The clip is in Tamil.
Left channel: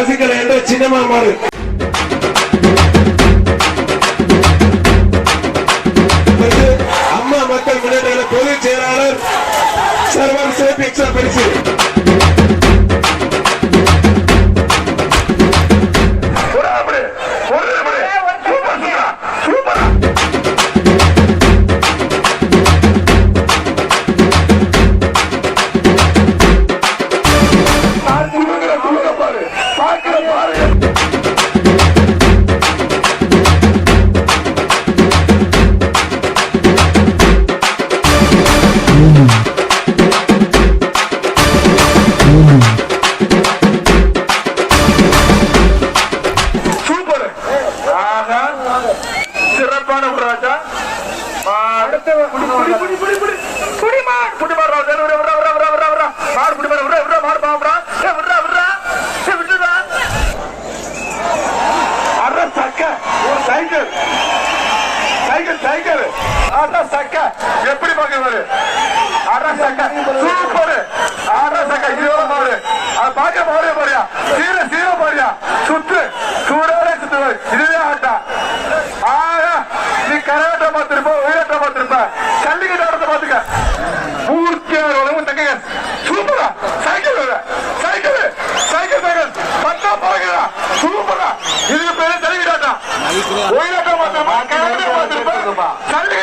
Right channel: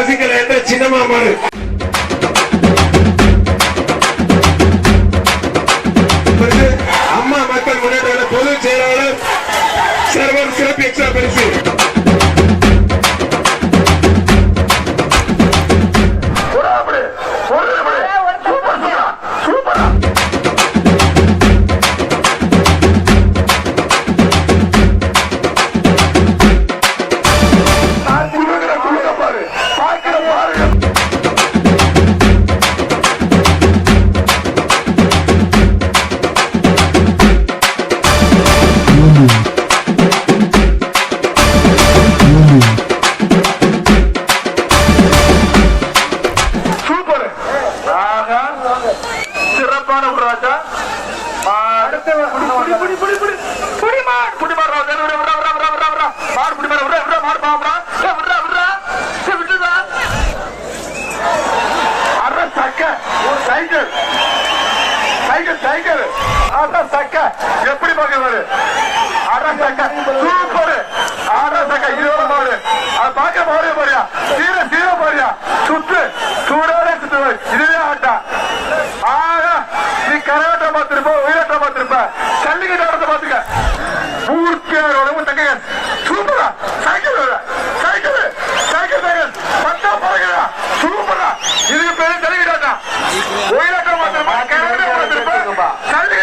சசிகலா என்ற சின்னம்மா மாறு அம்மா மக்கள் முன்னேற்ற பொதுச் செயலாளர் சர்வர் சிறப்பு எக்ஸ்ட்ரா பரிசு. எப்படி பாக்குறது சூப்பர் பாக்க போறே போறியா சீர போறியா சுத்து சூடோட சுத்து இதுவே ஆட்டா நீ கராட்ட பார்த்திருப்ப உயிரட்ட பார்த்திருப்ப ஜல்லிக்கட்டு ஆட்டத்தை பாத்துக்க பூர்த்தியான தங்க சூப்பரா சைக்கிள் பத்தா பாருங்க சூப்பரா இது பேரு ஜல்லிக்கட்டு ஆட்டா உயிரட்ட பார்த்திருப்பா கராட்ட பார்த்திருப்பா ஜல்லிக்கட்டு